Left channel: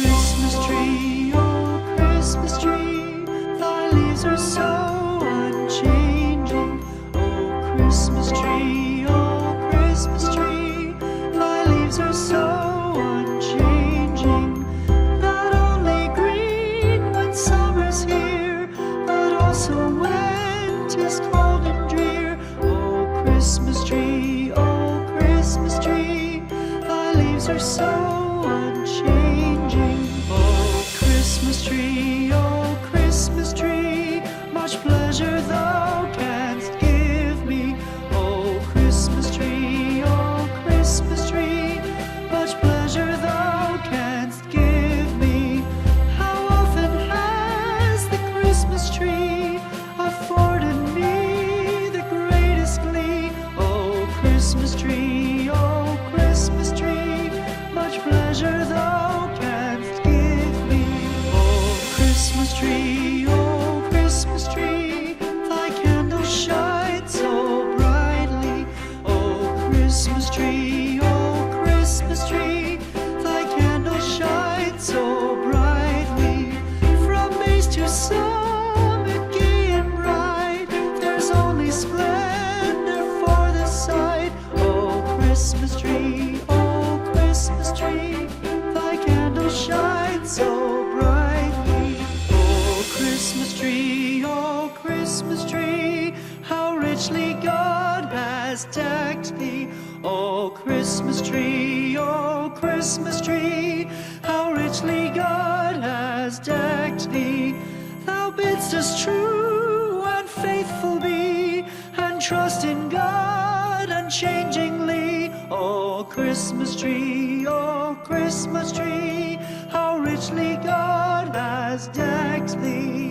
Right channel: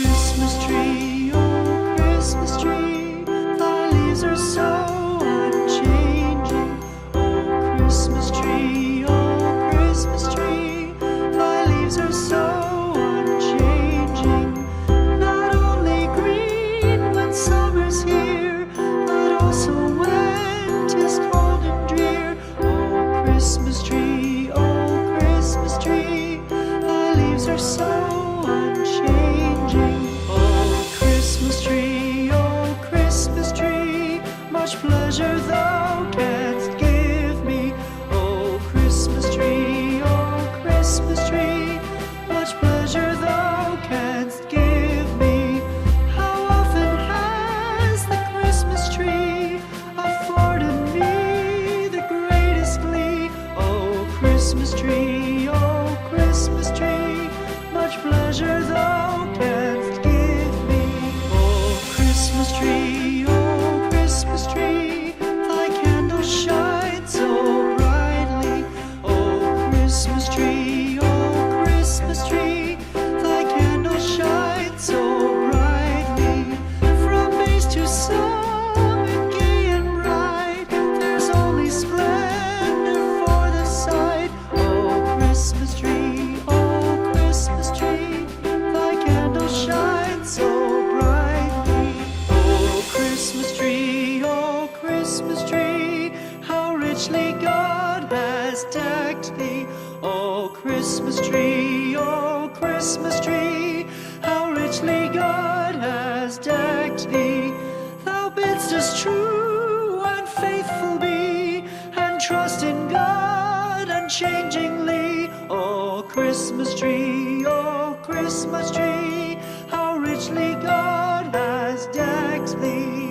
Christmas tree, oh Christmas tree, thy leaves are so unchanging. Oh Christmas tree, oh Christmas tree, thy leaves are so unchanging. Not only green when summer's here, but also when 'tis cold and drear. Oh Christmas tree, thy leaves are so unchanging. Oh Christmas tree, much pleasure thou canst give me. Oh Christmas tree, much pleasure thou canst give me. How often has the Christmas tree afforded me the greatest glee? Oh Christmas tree, much pleasure thou canst give me. Oh Christmas tree, thy candles shine so brightly. Oh Christmas tree, thy candles shine so brightly. From base to summit, gay and bright, there's only splendor for the sight. Oh Christmas tree, thy candles shine so brightly. Oh Christmas tree, how richly God has decked thee. Oh Christmas tree, how richly God has decked thee. Thou bidst us true and faithful be, and trust in God unchangingly. Oh Christmas tree, how richly God has decked thee.